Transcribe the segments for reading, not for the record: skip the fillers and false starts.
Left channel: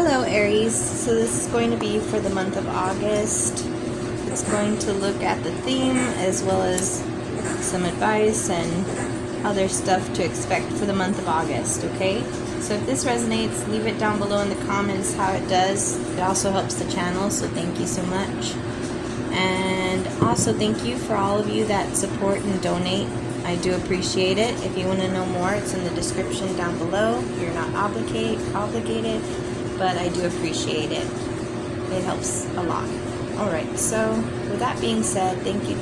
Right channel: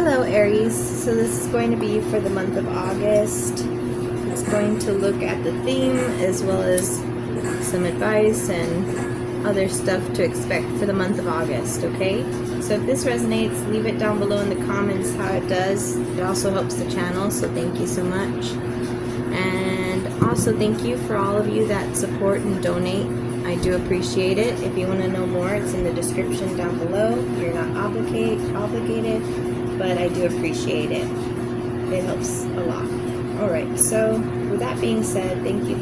Hello Aries, so this is going to be for the month of August. It's going to look at the theme as well as some advice and other stuff to expect for the month of August, okay? So if this resonates, leave it down below in the comments how it does. It also helps the channel, so thank you so much. And also thank you for all of you that support and donate. I do appreciate it. If you want to know more, it's in the description down below. You're not obligated, but I do appreciate it. It helps a lot. Alright, so with that being said, thank you.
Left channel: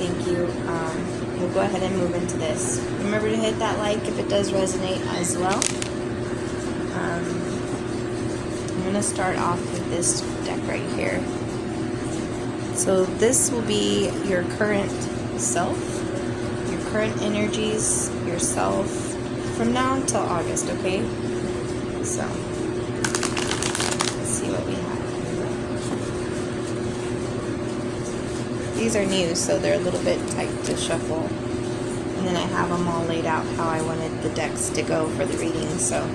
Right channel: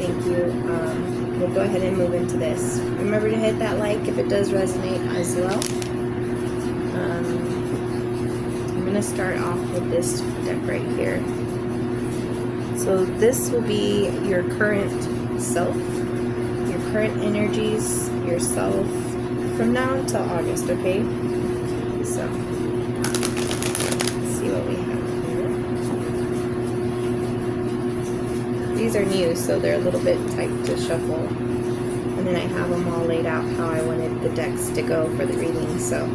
We'll go ahead and move into this. Remember to hit that like if it does resonate as well. I'm going to start off with this deck right here. So this will be your current self, your current energies, yourself, from now until August, okay? So, let's see what we have here. These are new, so they're a little bit tight to shuffle. And then I have them all laid out how I wanted the decks to go for the reading, so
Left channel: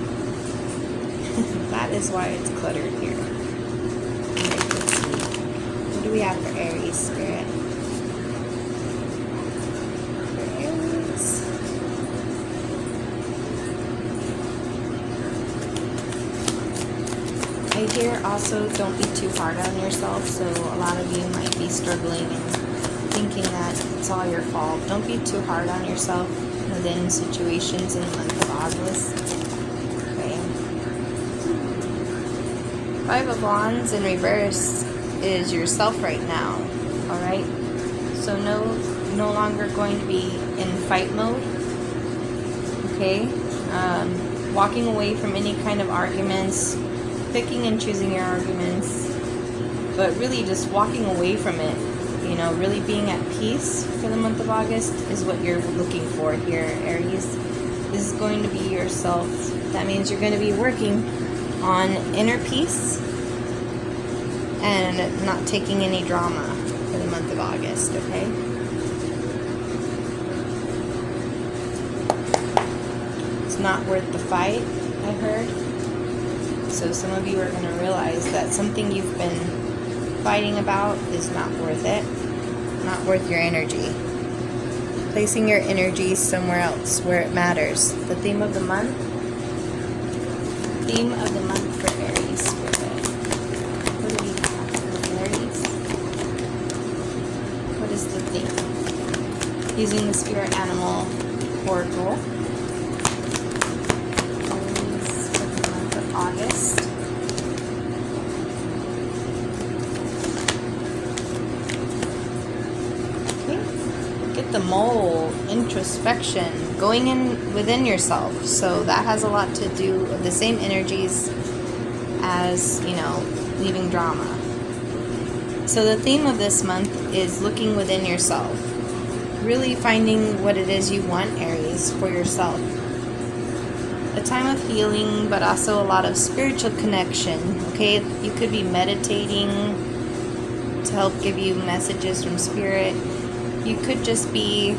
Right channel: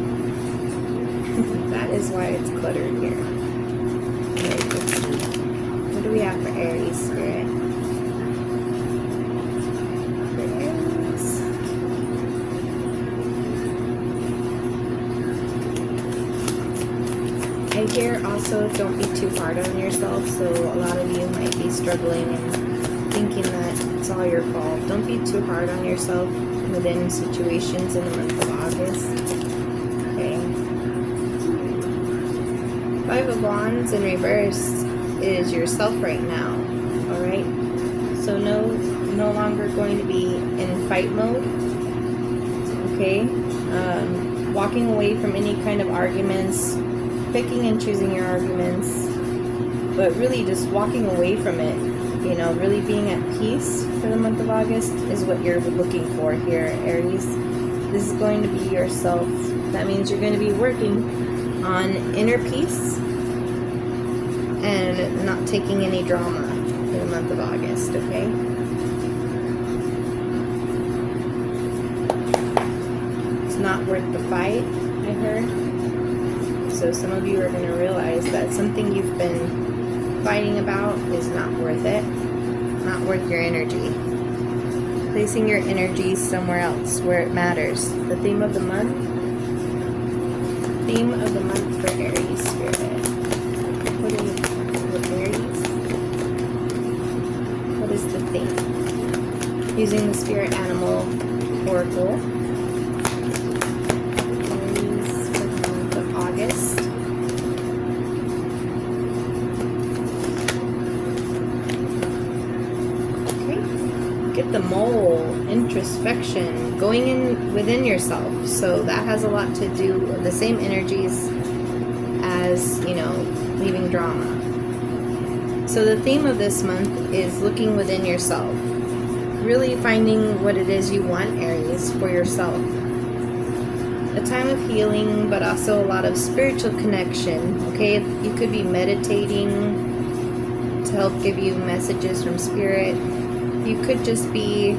that is why it's cluttered here. Alright, let's see. What do we have for Aries, Spirit? For Aries. I hear also don't be too hard on yourself, so a lot of you might be struggling and thinking that it's all your fault. Don't be too hard on yourself within situations in the month of August. Okay. Five of Wands in reverse is yourself right now. Alright? So no longer going to be in fight mode. Okay? Walking away from any kind of arguments, picking and choosing your arguments, but really just walking away from it. You know, really being at peace for the month of August is what you're looking for here, Aries. This is going to be yourself. That means you're going to be working on inner peace and not taking any drama for the month of August, okay? It's not worth the fight, I heard. So some of you are going to realize that something you've been fighting about is not worth it, not worth your energy. Placing your energy somewhere else where it matters. The theme of the month for Aries, Spirit. What do we have with Aries? What is the theme? Using the spirit animal oracle. Aries for the month of August. Get the mole, introspection, going in within yourself. So that has a lot to do with the same energies as, you know, leaving drama. So the theme of this month is looking within yourself. Really finding what it is you want, Aries, for yourself. A time of healing, but also a lot of spiritual connection. Okay, you could be meditating to help give you messages from spirit. You could just be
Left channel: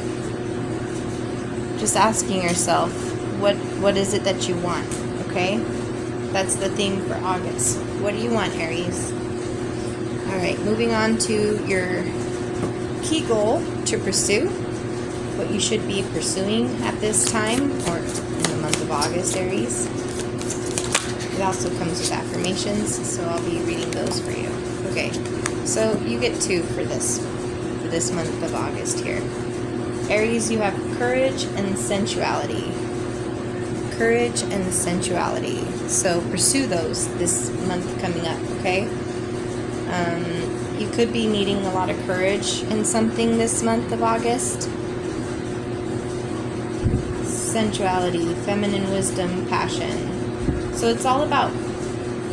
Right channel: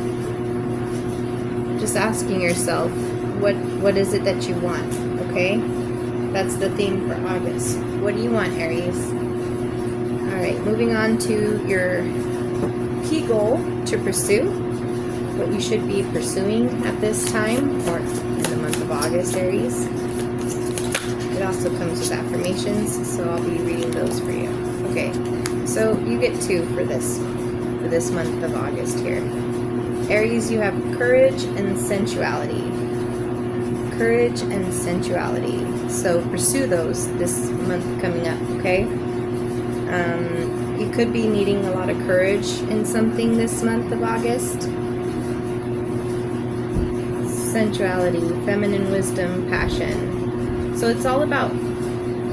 asking yourself, what is it that you want, okay? That's the theme for August. What do you want, Aries? Alright, moving on to your key goal to pursue. What you should be pursuing at this time, or in the month of August, Aries. It also comes with affirmations, so I'll be reading those for you. Okay, so you get two for this month of August here. Aries, you have courage and sensuality. Courage and sensuality. So pursue those this month coming up, okay? You could be needing a lot of courage in something this month of August. Sensuality, feminine wisdom, passion. So it's all about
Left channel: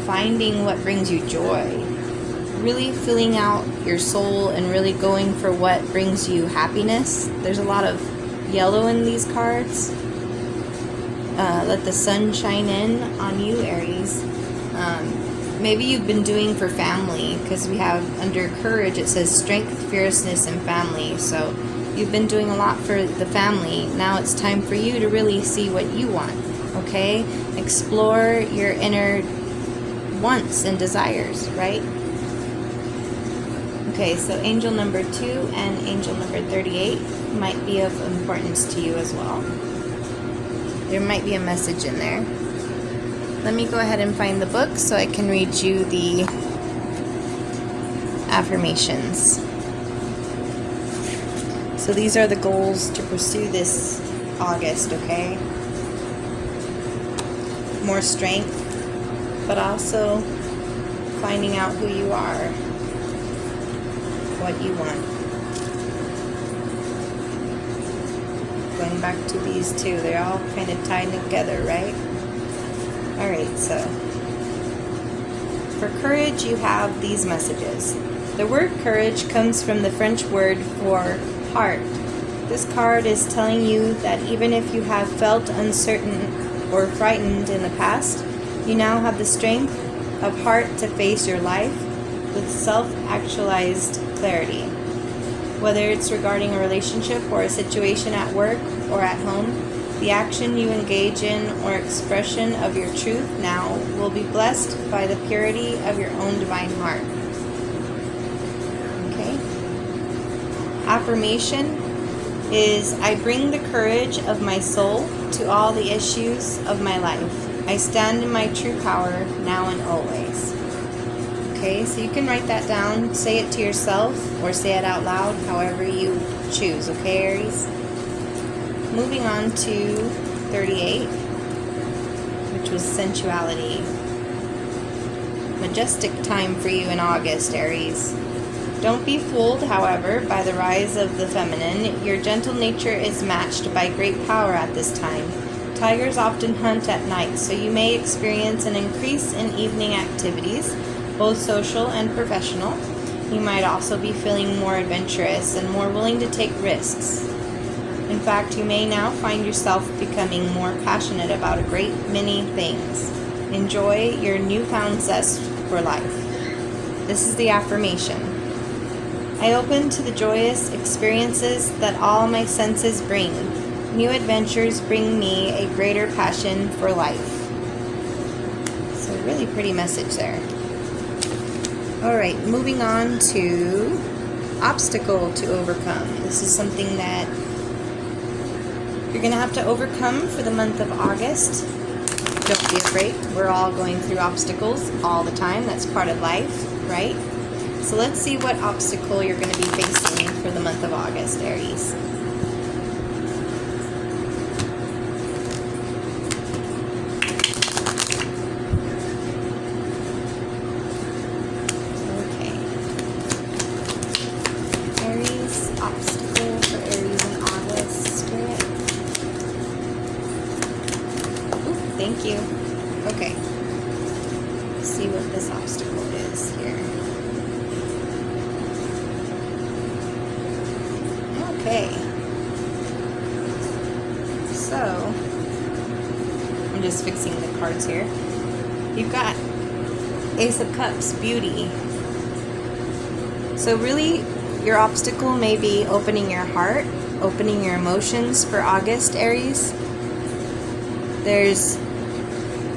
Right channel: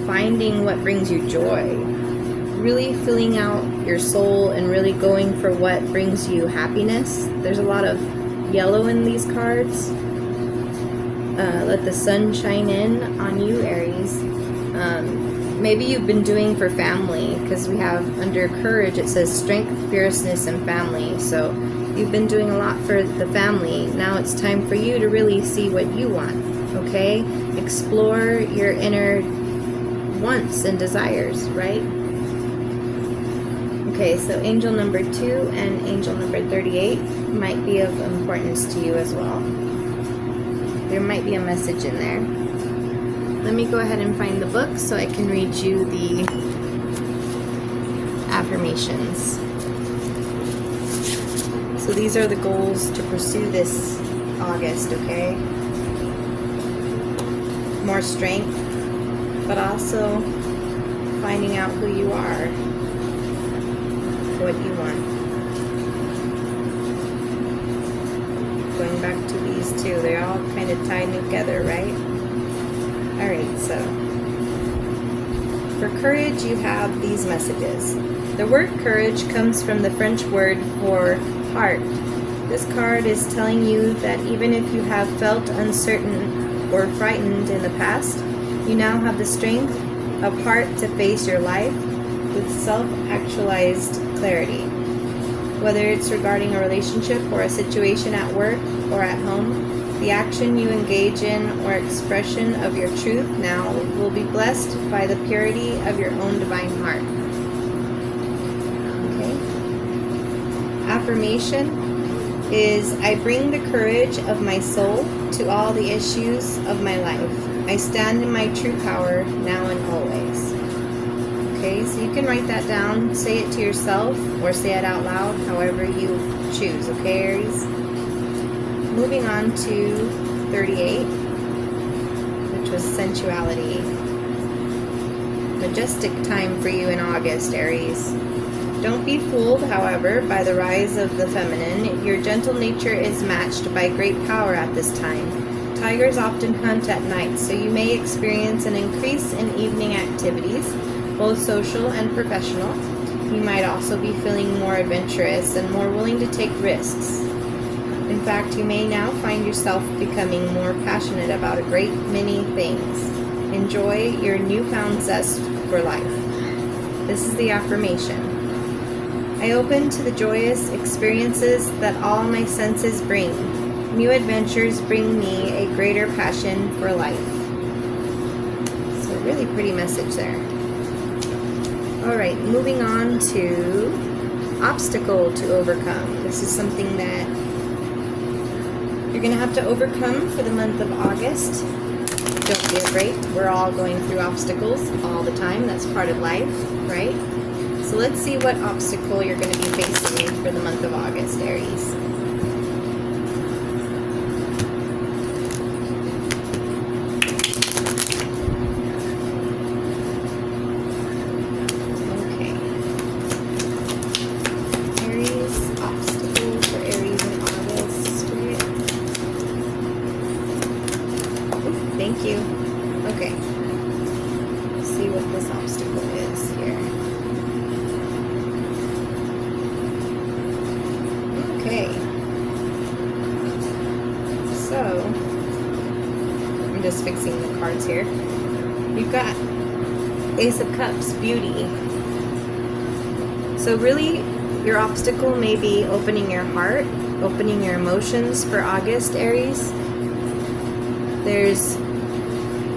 finding what brings you joy. Really filling out your soul and really going for what brings you happiness. There's a lot of yellow in these cards. Let the sun shine in on you, Aries. Maybe you've been doing for family, because we have under courage it says strength, fierceness, and family. So you've been doing a lot for the family. Now it's time for you to really see what you want, okay? Explore your inner wants and desires, right? Okay, so angel number 2 and angel number 38 might be of importance to you as well. There might be a message in there. Let me go ahead and find the book so I can read you the affirmations. So these are the goals to pursue this August, okay? More strength, but also finding out who you are, what you want. Going back to these two, they're all kind of tied together, right? Alright, so for courage, you have these messages. The word courage comes from the French word for heart. This card is telling you that even if you have felt uncertain or frightened in the past, you now have the strength of heart to face your life with self-actualized clarity. Whether it's regarding a relationship or a situation at work or at home, the action you engage in or expression of your truth now will be blessed by the purity of your own divine heart. Okay? Affirmation is, I bring the courage of my soul to all the issues of my life. I stand in my true power now and always. Okay, so you can write that down, say it to yourself, or say it out loud, however you choose. Okay, Aries? Moving on to 38, which was sensuality. Majestic time for you in August, Aries. Don't be fooled, however, by the rise of the feminine. Your gentle nature is matched by great power at this time. Tigers often hunt at night, so you may experience an increase in evening activities, both social and professional. You might also be feeling more adventurous and more willing to take risks. In fact, you may now find yourself becoming more passionate about a great many things. Enjoy your newfound zest for life. This is the affirmation. I open to the joyous experiences that all my senses bring. New adventures bring me a greater passion for life. So really pretty message there. Alright, moving on to obstacle to overcome. This is something that you're going to have to overcome for the month of August. Don't be afraid. We're all going through obstacles all the time. That's part of life, right? So let's see what obstacle you're going to be facing for the month of August, Aries. Okay. Aries, obstacle for Aries in August. Ooh, thank you. Okay. Let's see what this obstacle is here. Okay, so I'm just fixing the cards here. You've got Ace of Cups, beauty. So really, your obstacle may be opening your heart, opening your emotions for August, Aries. There's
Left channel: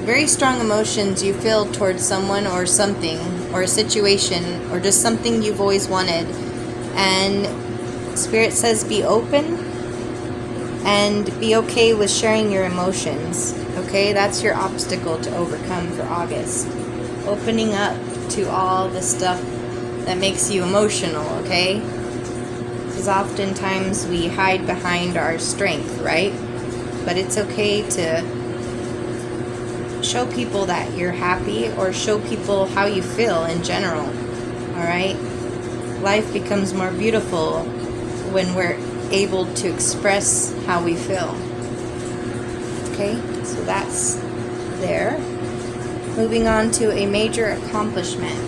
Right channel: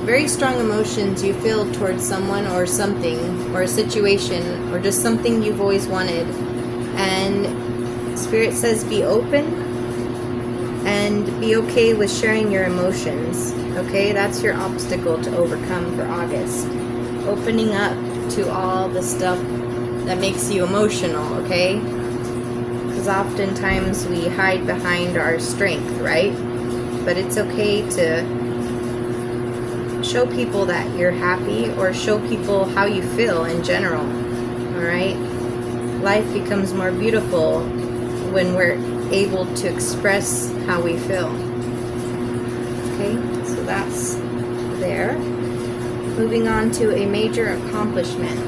very strong emotions you feel towards someone or something, or a situation, or just something you've always wanted. And Spirit says be open and be okay with sharing your emotions. Okay, that's your obstacle to overcome for August. Opening up to all the stuff that makes you emotional, okay? Because oftentimes we hide behind our strength, right? But it's okay to show people that you're happy or show people how you feel in general, alright? Life becomes more beautiful when we're able to express how we feel. Okay, so that's there. Moving on to a major accomplishment.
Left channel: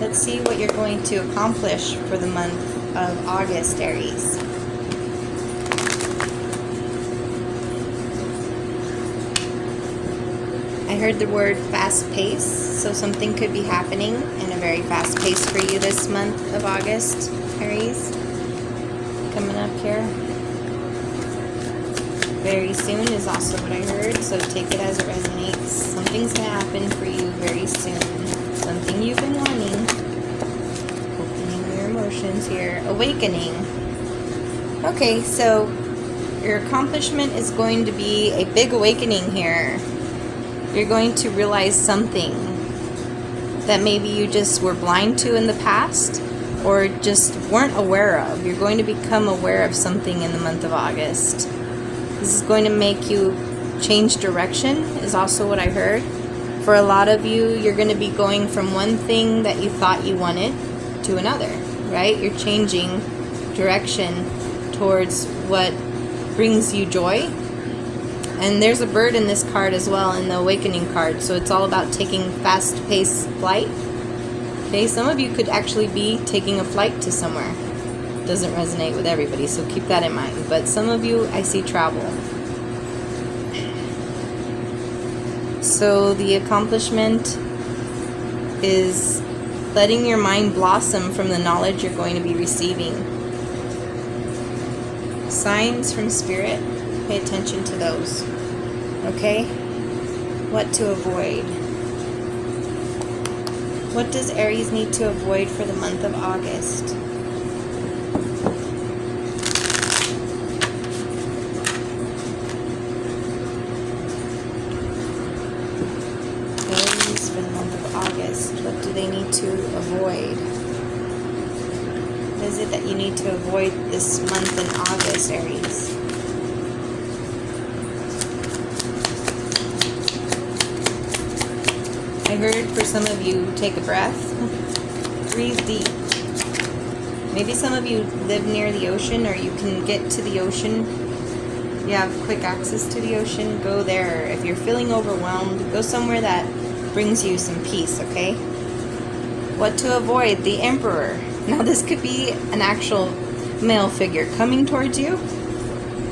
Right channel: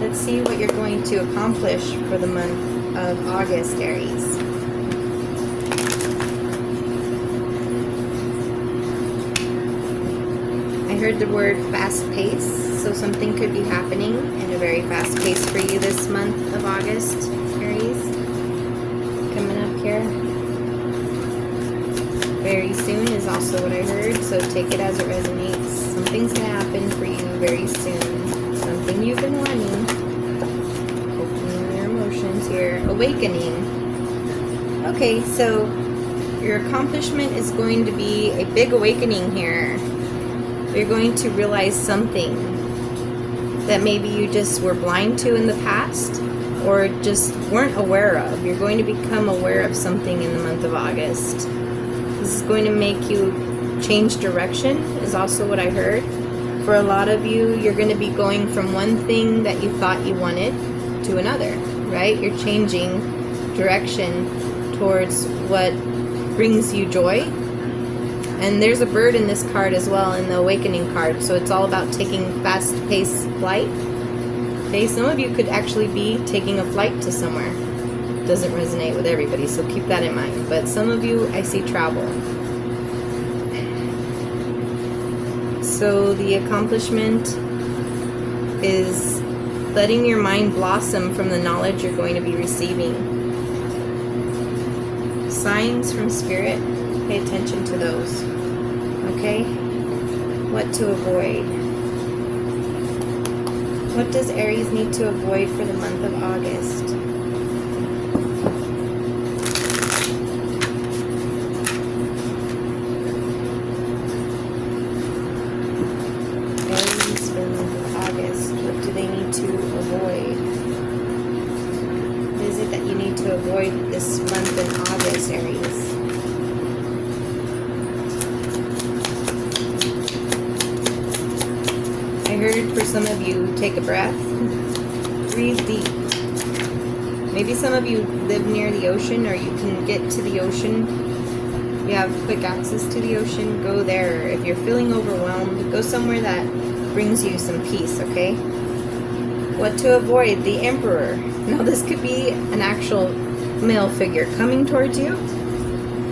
Let's see what you're going to accomplish for the month of August, Aries. I heard the word fast pace, so something could be happening in a very fast pace for you this month of August, Aries. Coming up here. Very soon is also what I heard, so take it as it resonates. Something's going to happen for you very soon. Something you've been wanting. Opening your emotions here. Awakening. Okay, so your accomplishment is going to be a big awakening here. You're going to realize something that maybe you just were blind to in the past or just weren't aware of. You're going to become aware of something in the month of August. This is going to make you change direction, is also what I heard. For a lot of you, you're going to be going from one thing that you thought you wanted to another, right? You're changing direction towards what brings you joy. And there's a bird in this card as well, in the awakening card, so it's all about taking fast-paced flight. Okay, some of you could actually be taking a flight to somewhere. Doesn't resonate with everybody, so keep that in mind. But some of you, I see travel. So the accomplishment is letting your mind blossom from the knowledge you're going to be receiving. Signs from Spirit, pay attention to those. Okay? What to avoid? What does Aries need to avoid for the month of August? Aries for the month of August, what do they need to avoid? What is it that you need to avoid this month in August, Aries? I heard for some of you, take a breath, breathe deep. Maybe some of you live near the ocean, or you can get to the ocean. You have quick access to the ocean, go there. If you're feeling overwhelmed, go somewhere that brings you some peace, okay? What to avoid? The Emperor. Now this could be an actual male figure coming towards you,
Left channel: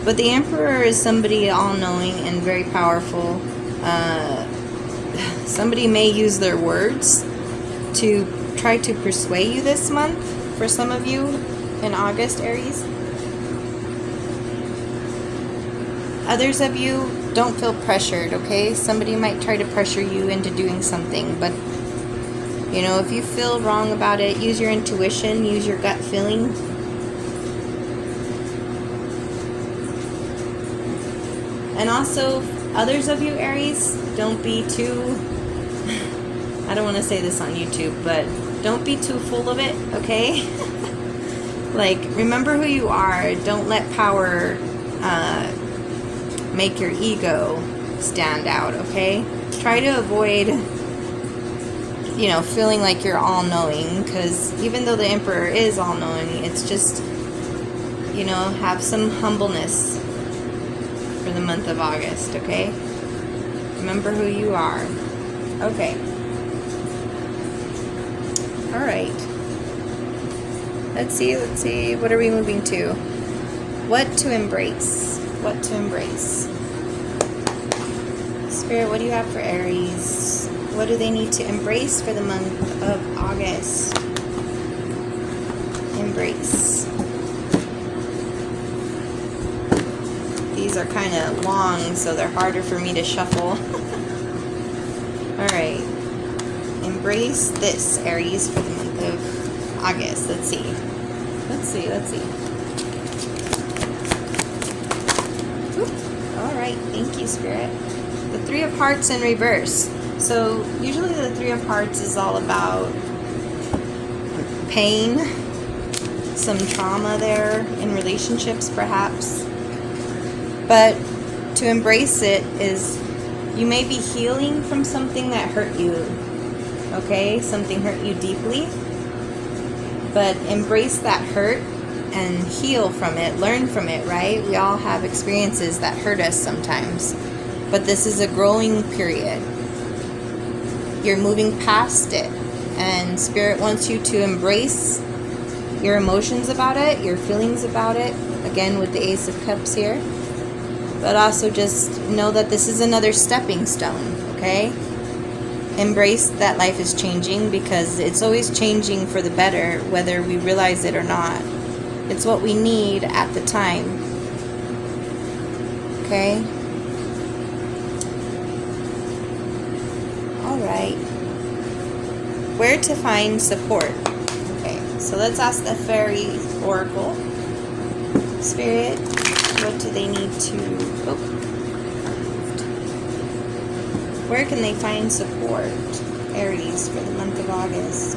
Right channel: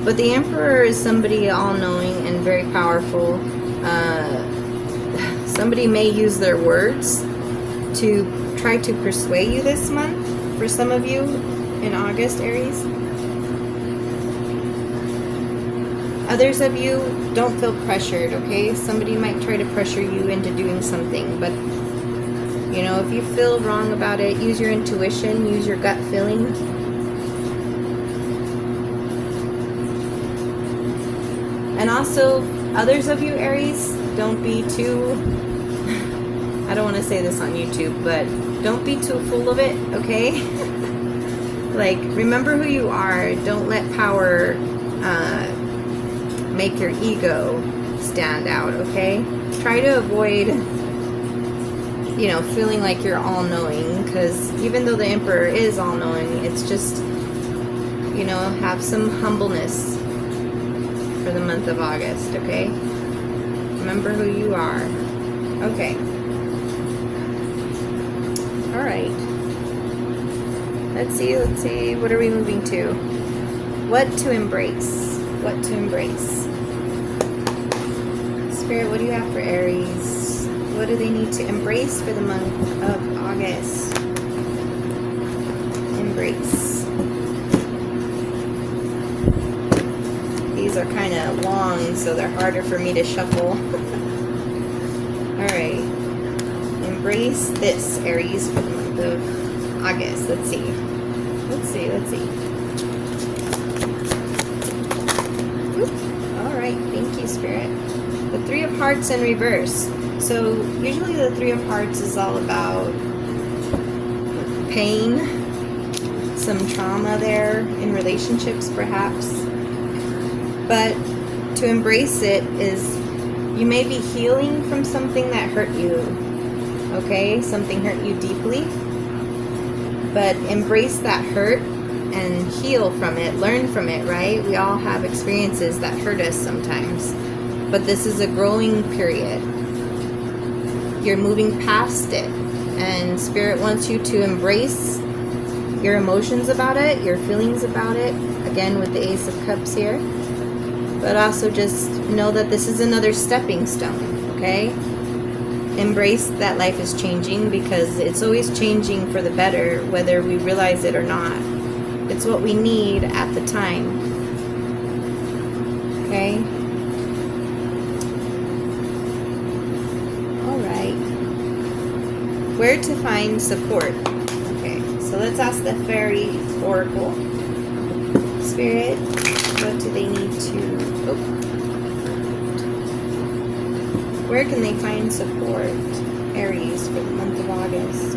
but the Emperor is somebody all-knowing and very powerful. Somebody may use their words to try to persuade you this month, for some of you in August, Aries. Others of you, don't feel pressured, okay? Somebody might try to pressure you into doing something, but you know, if you feel wrong about it, use your intuition, use your gut feeling. And also, others of you, Aries, don't be too, I don't want to say this on YouTube, but don't be too full of it, okay? Like, remember who you are. Don't let power make your ego stand out, okay? Try to avoid, you know, feeling like you're all-knowing, because even though the Emperor is all-knowing, it's just, you know, have some humbleness for the month of August, okay? Remember who you are. Okay. All right. Let's see, what are we moving to? What to embrace? What to embrace? Spirit, what do you have for Aries? What do they need to embrace for the month of August? Embrace. These are kind of long, so they're harder for me to shuffle. All right. Embrace this, Aries, for the month of August. Let's see. Let's see. Whoop. All right. Thank you, Spirit. The Three of Hearts in reverse. So usually the Three of Hearts is all about pain, some trauma there in relationships, perhaps. But to embrace it is, you may be healing from something that hurt you, okay? Something hurt you deeply. But embrace that hurt and heal from it, learn from it, right? We all have experiences that hurt us sometimes. But this is a growing period. You're moving past it. And Spirit wants you to embrace your emotions about it, your feelings about it. Again, with the Ace of Cups here. But also just know that this is another stepping stone, okay? Embrace that life is changing, because it's always changing for the better, whether we realize it or not. It's what we need at the time, okay? Where to find support. Okay, so let's ask the fairy oracle. Spirit, what do they need to... Oh. Where can they find support, Aries, for the month of August?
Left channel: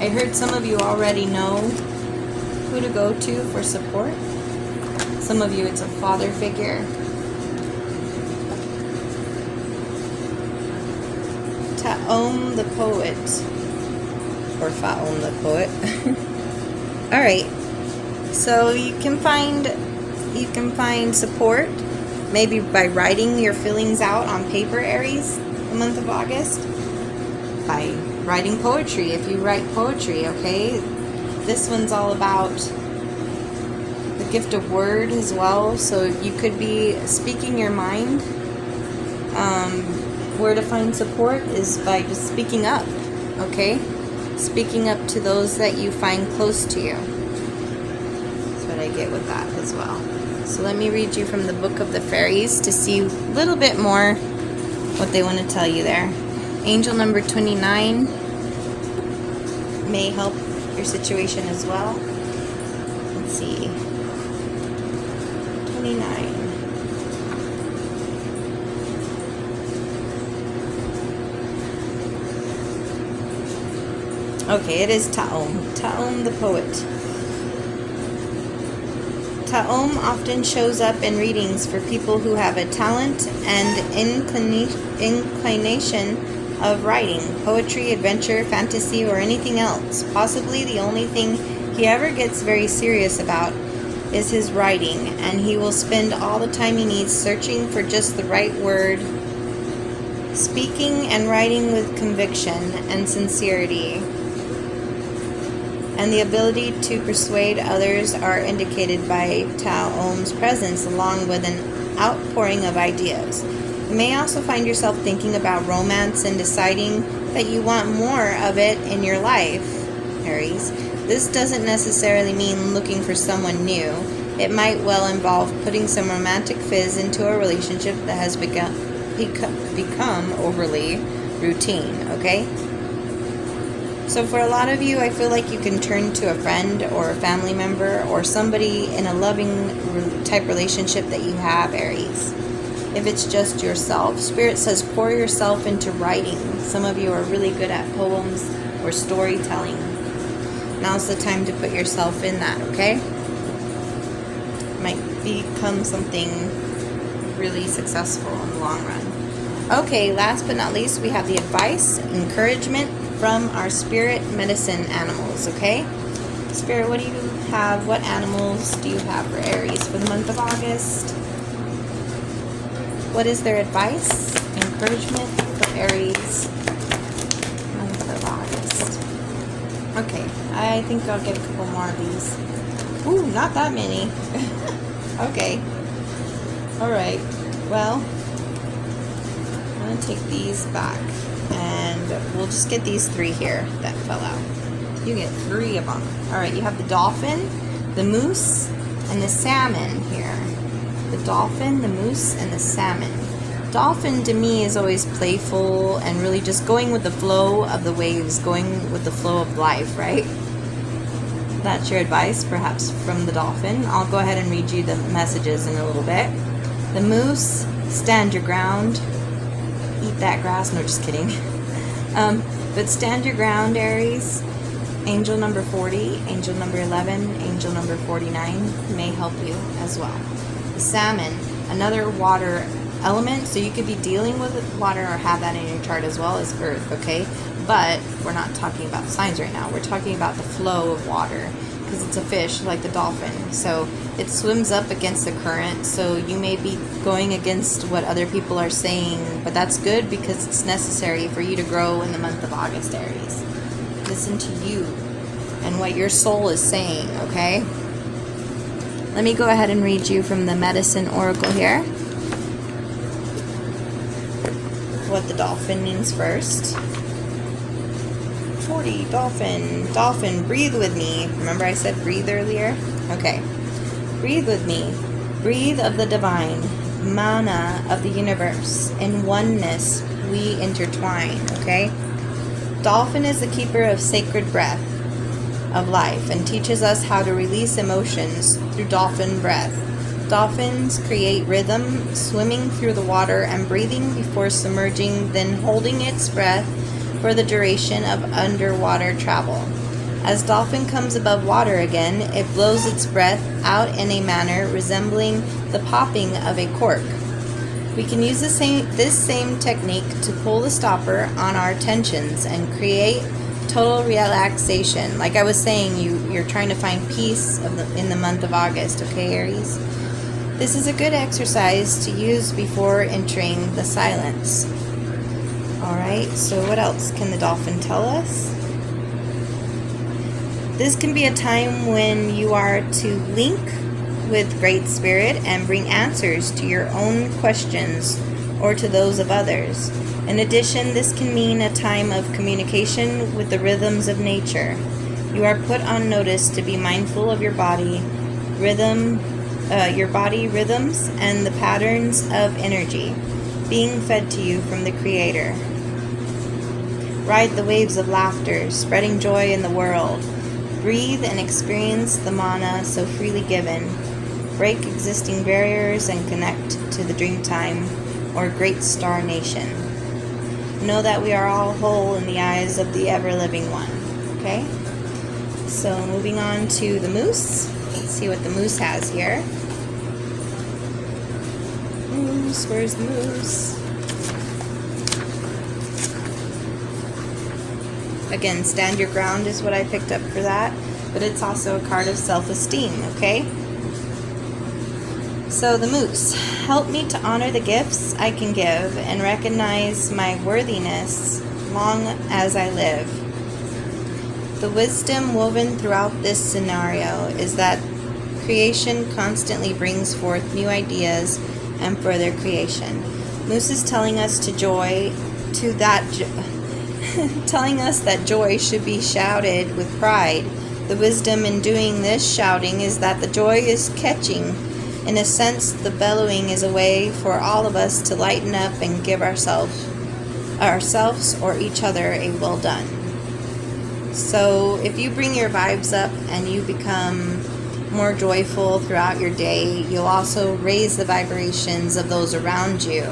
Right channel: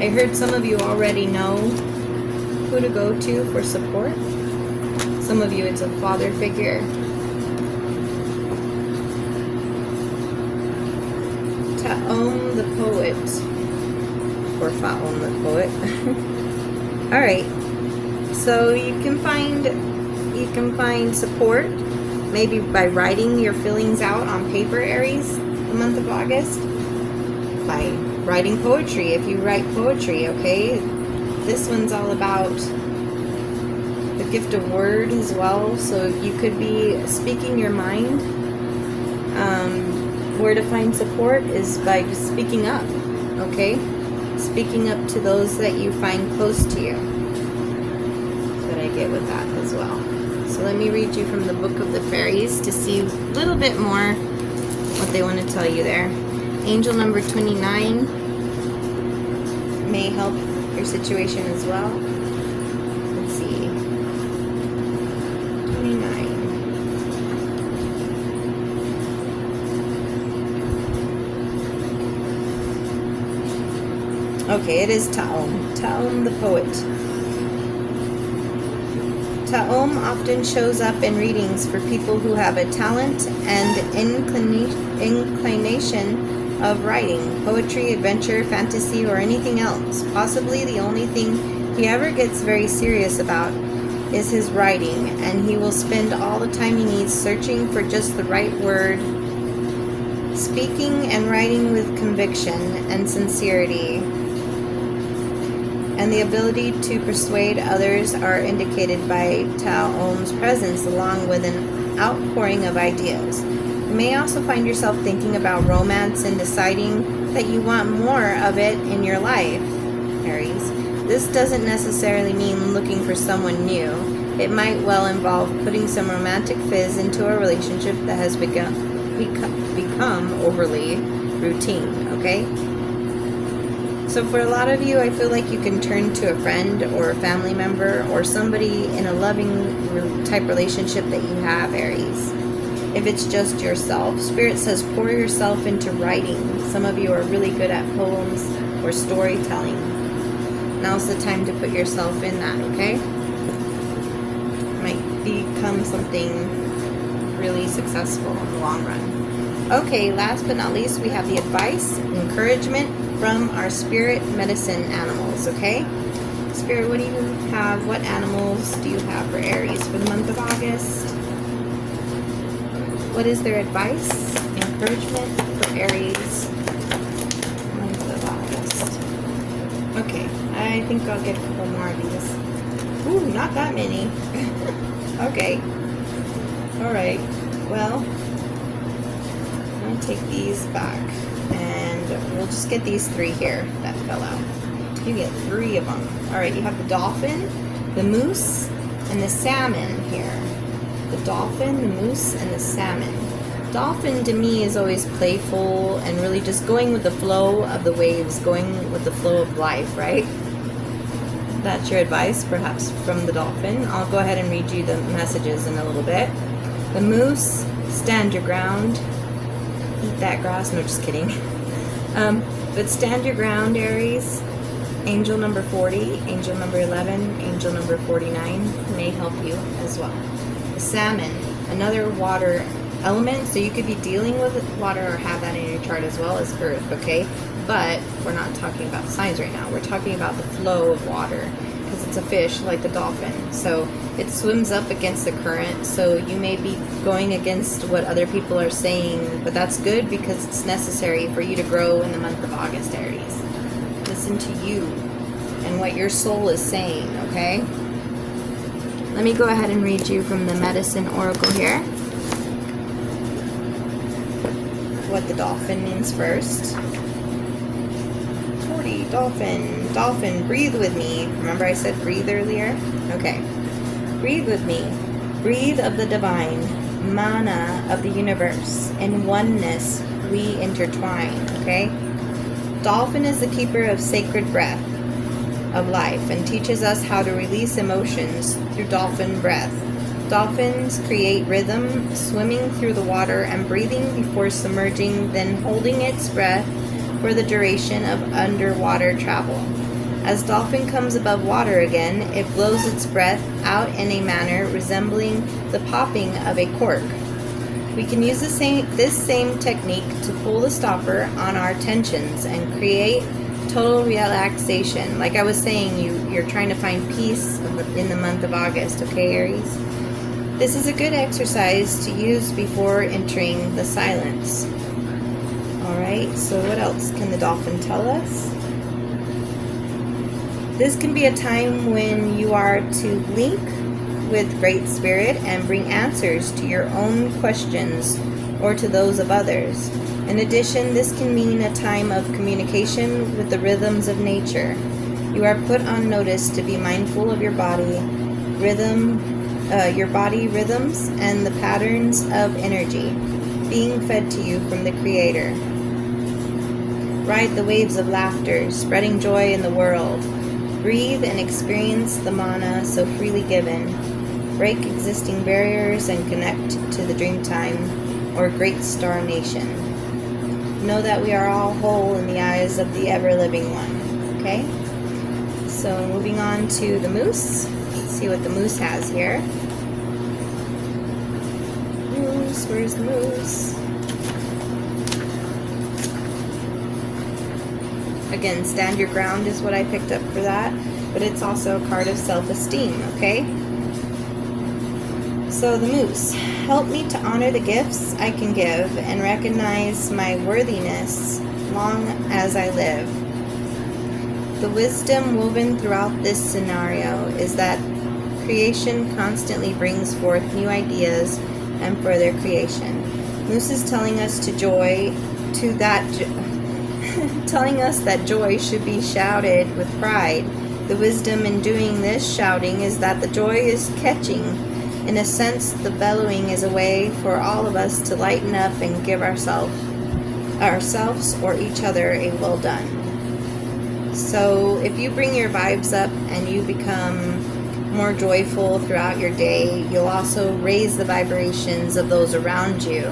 I heard some of you already know who to go to for support. Some of you, it's a father figure. Ta'om the poet, or Fa'om the poet. All right, so you can find support maybe by writing your feelings out on paper, Aries, the month of August. By writing poetry, if you write poetry, okay? This one's all about the gift of word as well, so you could be speaking your mind. Where to find support is by just speaking up, okay? Speaking up to those that you find close to you. That's what I get with that as well. So let me read you from the Book of the Fairies to see a little bit more what they want to tell you there. Angel number 29 may help your situation as well. Let's see. 29. Okay, it is Ta'om. Ta'om the poet. Ta'om often shows up in readings for people who have a talent and inclination of writing, poetry, adventure, fantasy, or anything else. Possibly the only thing he ever gets very serious about is his writing, and he will spend all the time he needs searching for just the right word, speaking and writing with conviction and sincerity. And the ability to persuade others are indicated by Ta'om's presence, along with an outpouring of ideas. You may also find yourself thinking about romance and deciding that you want more of it in your life, Aries. This doesn't necessarily mean looking for someone new. It might well involve putting some romantic fizz into a relationship that has become overly routine, okay? So for a lot of you, I feel like you can turn to a friend or a family member or somebody in a loving type relationship that you have, Aries. If it's just yourself, Spirit says pour yourself into writing. Some of you are really good at poems or storytelling. Now's the time to put yourself in that, okay? It might become something really successful in the long run. Okay, last but not least, we have the advice, encouragement from our spirit medicine animals, okay? Spirit, what do you have? What animals do you have for Aries for the month of August? What is their advice, encouragement for Aries month of August? Okay, I think I'll get a couple more of these. Ooh, not that many. Okay. Alright, well, I'm going to take these back. And we'll just get these 3 here that fell out. You get 3 of them. Alright, you have the dolphin, the moose, and the salmon here. The dolphin, the moose, and the salmon. Dolphin to me is always playful and really just going with the flow of the waves, going with the flow of life, right? That's your advice, perhaps, from the dolphin. I'll go ahead and read you the messages in a little bit. The moose, stand your ground. Eat that grass. No, just kidding. But stand your ground, Aries. Angel number 40, angel number 11, angel number 49 may help you as well. The salmon, another water element, so you could be dealing with water or have that in your chart as well as earth, okay? But we're not talking about signs right now. We're talking about the flow of water because it's a fish like the dolphin. So it swims up against the current, so you may be going against what other people are saying, but that's good because it's necessary for you to grow in the month of August, Aries. Listen to you and what your soul is saying, okay? Let me go ahead and read you from the Medicine Oracle here. What the dolphin means first. 40, dolphin. Dolphin, breathe with me. Remember I said breathe earlier? Okay. Breathe with me. Breathe of the divine, mana of the universe. In oneness, we intertwine, okay? Dolphin is the keeper of sacred breath of life and teaches us how to release emotions through dolphin breath. Dolphins create rhythm, swimming through the water and breathing before submerging, then holding its breath for the duration of underwater travel. As dolphin comes above water again, it blows its breath out in a manner resembling the popping of a cork. We can use this same technique to pull the stopper on our tensions and create total relaxation. Like I was saying, you're trying to find peace in the month of August, okay, Aries? This is a good exercise to use before entering the silence. Alright, so what else can the dolphin tell us? This can be a time when you are to link with Great Spirit and bring answers to your own questions or to those of others. In addition, this can mean a time of communication with the rhythms of nature. You are put on notice to be mindful of your body rhythms and the patterns of energy being fed to you from the Creator. Ride the waves of laughter, spreading joy in the world. Breathe and experience the mana so freely given. Break existing barriers and connect to the Dreamtime or Great Star Nation. Know that we are all whole in the eyes of the ever-living one. Okay? So moving on to the moose. Let's see what the moose has here. Moose, where's the moose? Again, stand your ground is what I picked up for that, but it's also a card of self-esteem, okay? So the moose, help me to honor the gifts I can give and recognize my worthiness long as I live. The wisdom woven throughout this scenario is that creation constantly brings forth new ideas and further creation. Moose is telling us telling us that joy should be shouted with pride. The wisdom in doing this shouting is that the joy is catching. In a sense, the bellowing is a way for all of us to lighten up and give ourselves or each other a well done. So if you bring your vibes up and you become more joyful throughout your day, you'll also raise the vibrations of those around you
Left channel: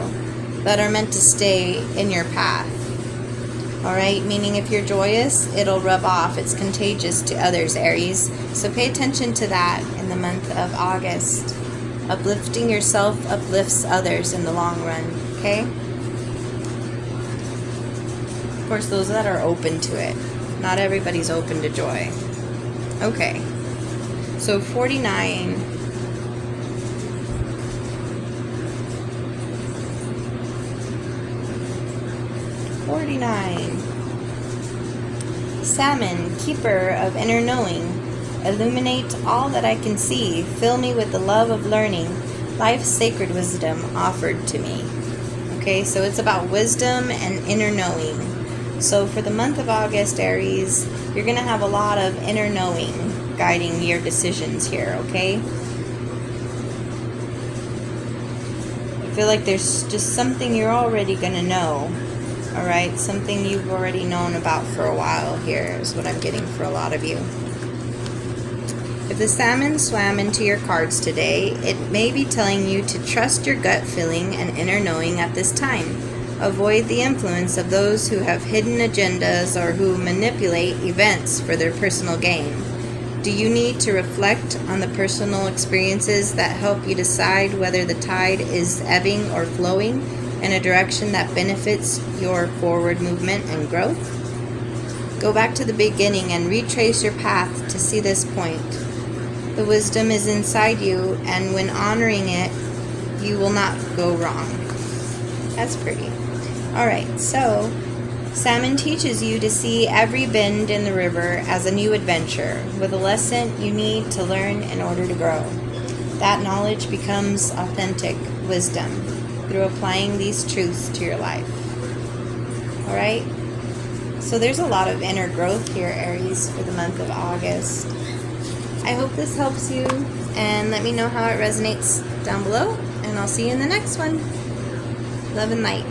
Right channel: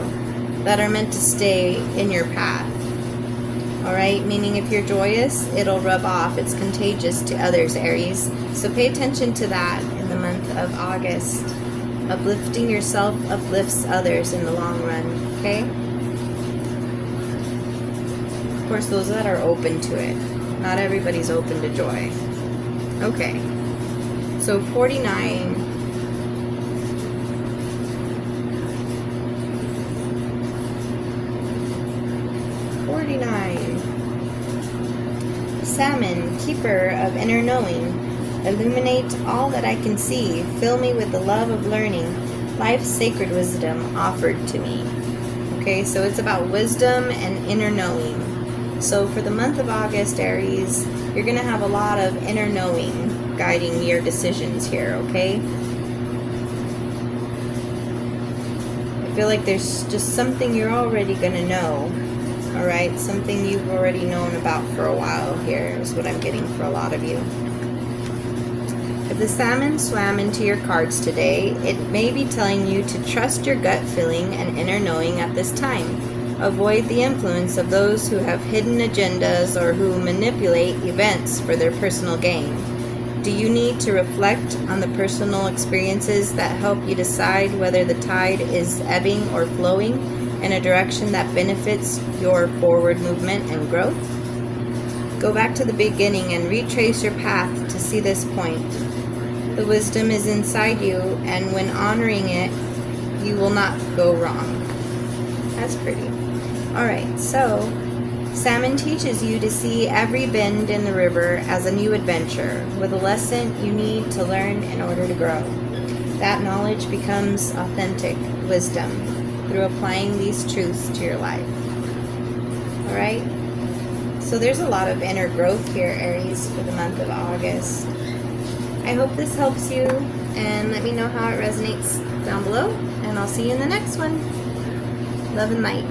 that are meant to stay in your path. Alright, meaning if you're joyous, it'll rub off. It's contagious to others, Aries. So pay attention to that in the month of August. Uplifting yourself uplifts others in the long run, okay? Of course, those that are open to it. Not everybody's open to joy. Okay. So 49. Salmon, keeper of inner knowing, illuminate all that I can see. Fill me with the love of learning, life's sacred wisdom offered to me. Okay, so it's about wisdom and inner knowing. So for the month of August, Aries, you're going to have a lot of inner knowing guiding your decisions here, okay? I feel like there's just something you're already going to know, all right? Something you've already known about for a while here is what I'm getting for a lot of you. If the salmon swam into your cards today, it may be telling you to trust your gut feeling and inner knowing at this time. Avoid the influence of those who have hidden agendas or who manipulate events for their personal gain. Do you need to reflect on the personal experiences that help you decide whether the tide is ebbing or flowing in a direction that benefits your forward movement and growth? Go back to the beginning and retrace your path to see this point. The wisdom is inside you, and when honoring it, you will not go wrong. That's pretty. Alright, so salmon teaches you to see every bend in the river as a new adventure, with a lesson you need to learn in order to grow. That knowledge becomes authentic wisdom through applying these truths to your life. Alright? So there's a lot of inner growth here, Aries, for the month of August. I hope this helps you, and let me know how it resonates down below, and I'll see you in the next one. Love and light.